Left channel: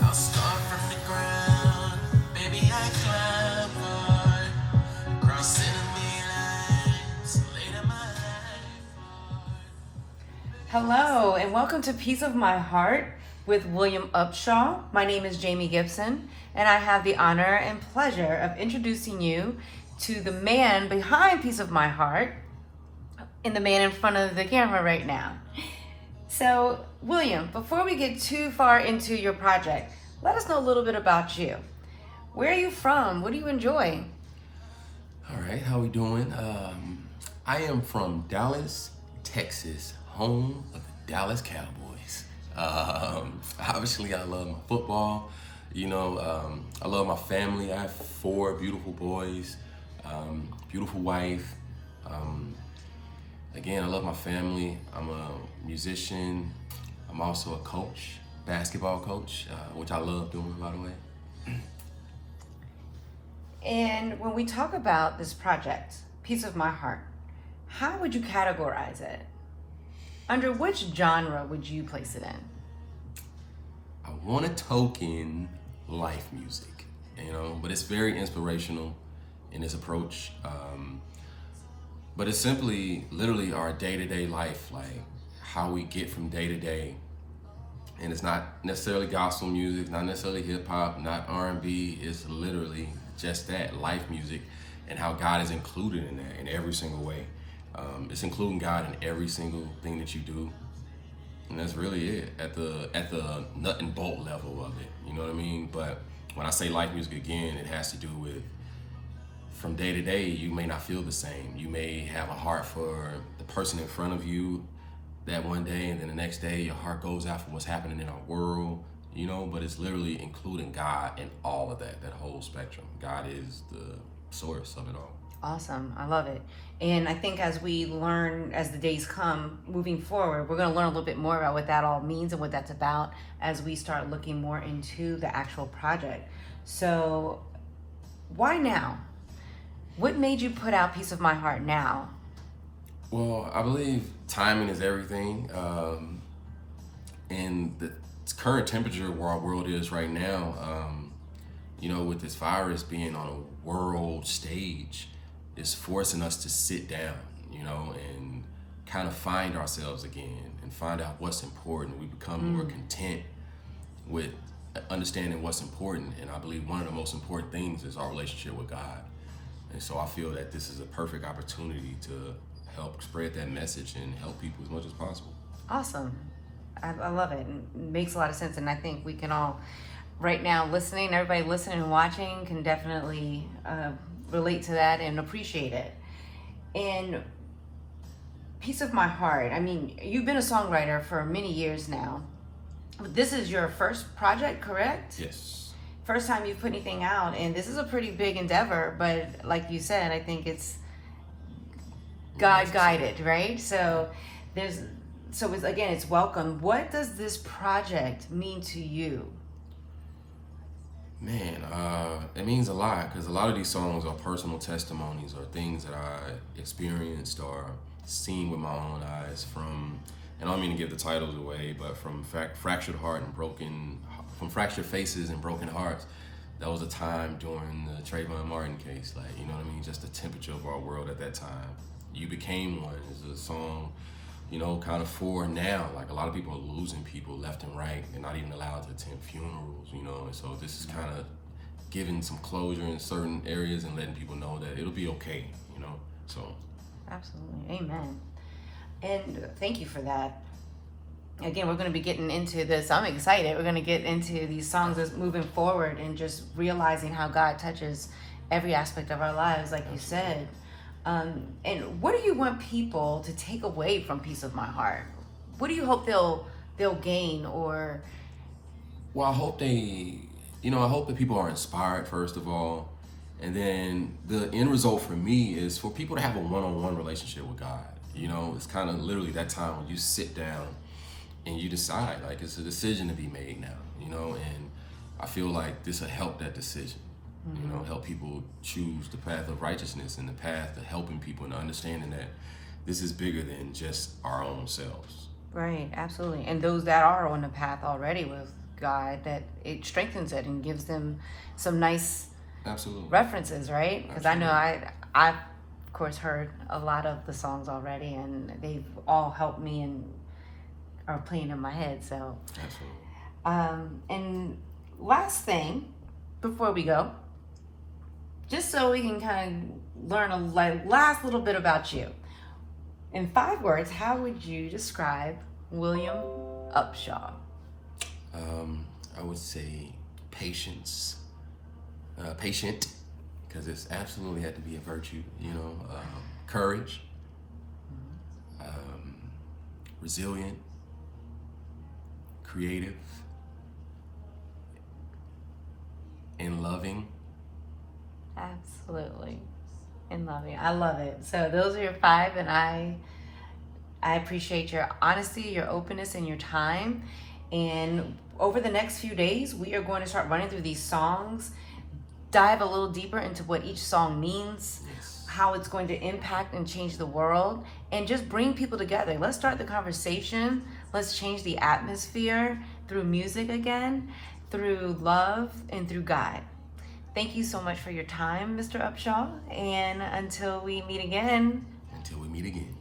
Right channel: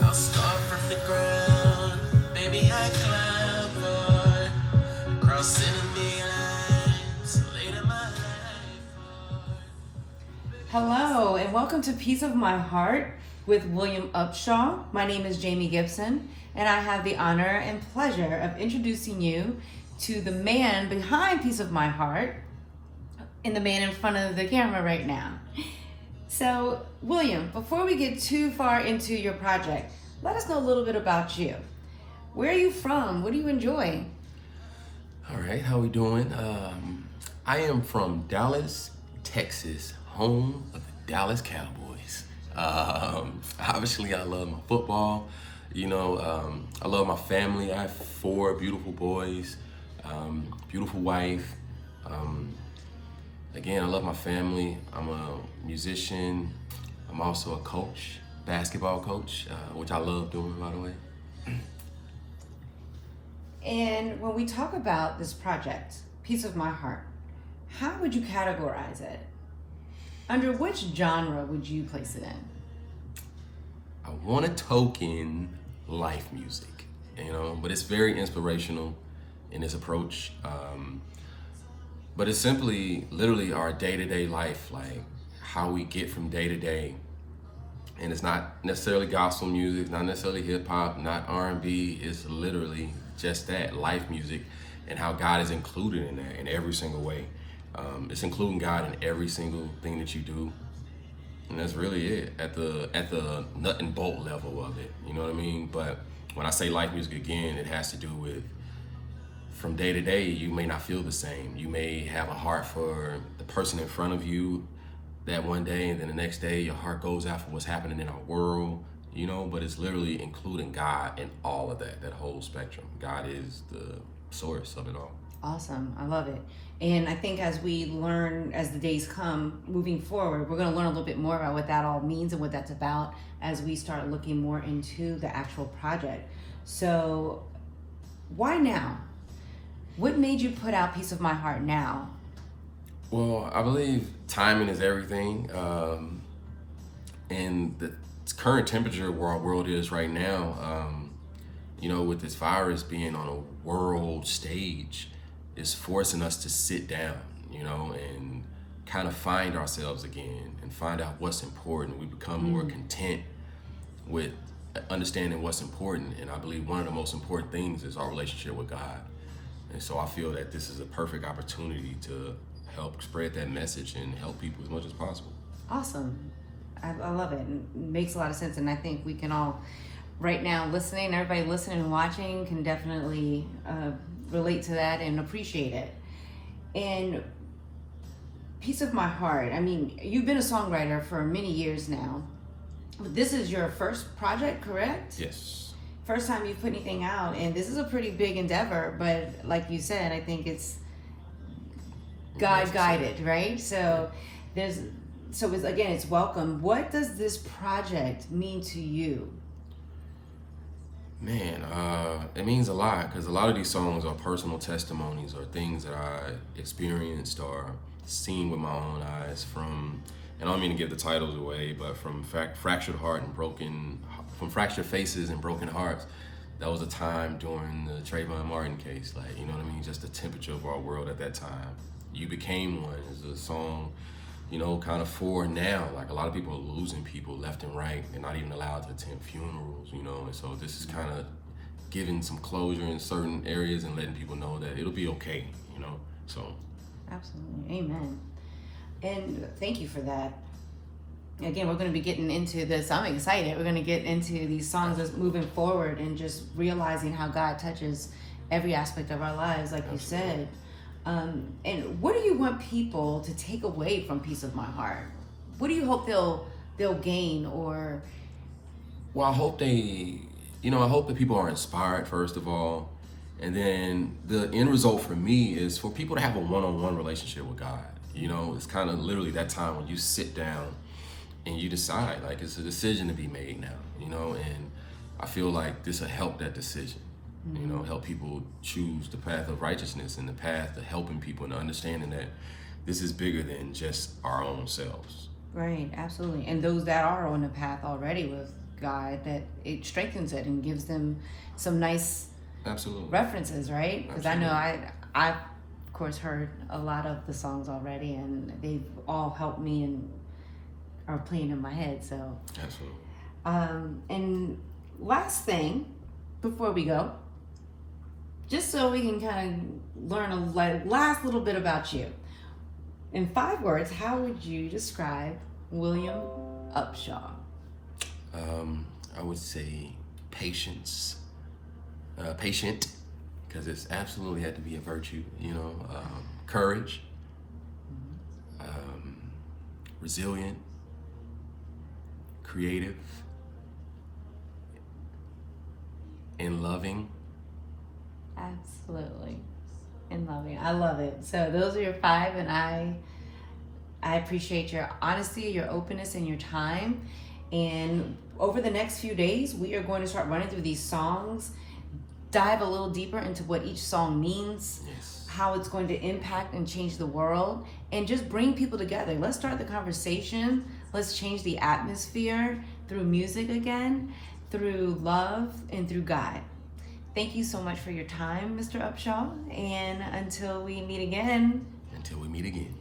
I'll start from the ground, baby, I climb on, crossing the lines, later my life. Hello, and welcome to Piece of My Heart with William Upshaw. My name is Jamie Gibson, and I have the honor and pleasure of introducing you to the man behind Piece of My Heart and the man in front of the camera right now. So, William, before we get too far into your project, let us know a little bit about you. Where are you from? What do you enjoy? All right, how we doing? I am from Dallas, Texas, home of the Dallas Cowboys. Obviously, I love my football. I love my family. I have 4 beautiful boys, beautiful wife. Again, I love my family. I'm a musician. I'm also a coach, basketball coach, which I love doing, by the way. And when we talk about this project, Piece of My Heart, how would you categorize it? Under which genre would you place it in? I want to token life music, but it's very inspirational in its approach. But it's simply, literally our day-to-day life, like how we get from day to day. And it's not necessarily gospel music, not necessarily hip hop, not R&B. It's literally just that, life music, and how God is included in that in every single way. It's including God in every single thing that you do. And that's really it at the nut and bolt level of it. You know what I mean? But when I say life music again, it has to do with from day to day, you may not feel the same. You may have a heart for the person in front of you that one day, and then the next day your heart goes out for what's happening in our world, but it's literally including God in all of that whole spectrum. God is the source of it all. Awesome. I love it. And I think as we learn, as the days come, moving forward, we're going to learn a little bit more about what that all means and what that's about as we start looking more into the actual project. So why now? What made you put out Piece of My Heart now? Well, I believe timing is everything. And the current temperature where our world is right now, with this virus being on a world stage, is forcing us to sit down, and kind of find ourselves again and find out what's important. We become more content with understanding what's important. And I believe one of the most important things is our relationship with God. And so I feel that this is a perfect opportunity to help spread that message and help people as much as possible. Awesome. I love it. It makes a lot of sense. And I think we can all, right now, everybody listening and watching can definitely relate to that and appreciate it. And Piece of My Heart, I mean, you've been a songwriter for many years now. This is your first project, correct? Yes. First time you've put anything out, and this is a pretty big endeavor, but like you said, I think it's God guided, right? So it's welcome. What does this project mean to you? Man, it means a lot, because a lot of these songs are personal testimonies or things that I experienced or seen with my own eyes from, and I don't mean to give the titles away, but from fractured heart and from fractured faces and broken hearts. That was a time during the Trayvon Martin case, just the temperature of our world at that time. You Became One is a song, kind of for now. Like, a lot of people are losing people left and right. They're not even allowed to attend funerals, and so this is kind of giving some closure in certain areas and letting people know that it'll be okay, so. Absolutely. Amen. And thank you for that. Again, we're going to be getting into this. I'm excited. We're going to get into these songs that's moving forward and just realizing how God touches every aspect of our lives, like you said. And what do you want people to take away from Piece of My Heart? What do you hope they'll gain? Or Well, I hope I hope that people are inspired, first of all. And then the end result for me is for people to have a one-on-one relationship with God. It's kind of literally that time when you sit down and you decide, like, it's a decision to be made now, and I feel like this will help that decision, help people choose the path of righteousness and the path to helping people and understanding that this is bigger than just our own selves. Right, absolutely. And those that are on the path already with God, that it strengthens it and gives them some nice Absolutely. references, right? Because I know Absolutely. I, of course, heard a lot of the songs already, and they've all helped me and are playing in my head. So, Absolutely. and last thing before we go, just so we can kind of learn a last little bit about you. In 5 words, how would you describe William Upshaw? I would say patience. Patient, because it's absolutely had to be a virtue, you know. Courage, resilient, creative, and loving. Absolutely. And loving. I love it. So those are your 5, and I appreciate your honesty, your openness, and your time. And over the next few days, we are going to start running through these songs, dive a little deeper into what each song means, Yes. how it's going to impact and change the world, and just bring people together. Let's start the conversation. Let's change the atmosphere through music again, through love, and through God. Thank you so much for your time, Mr. Upshaw. And until we meet again, Until we meet again.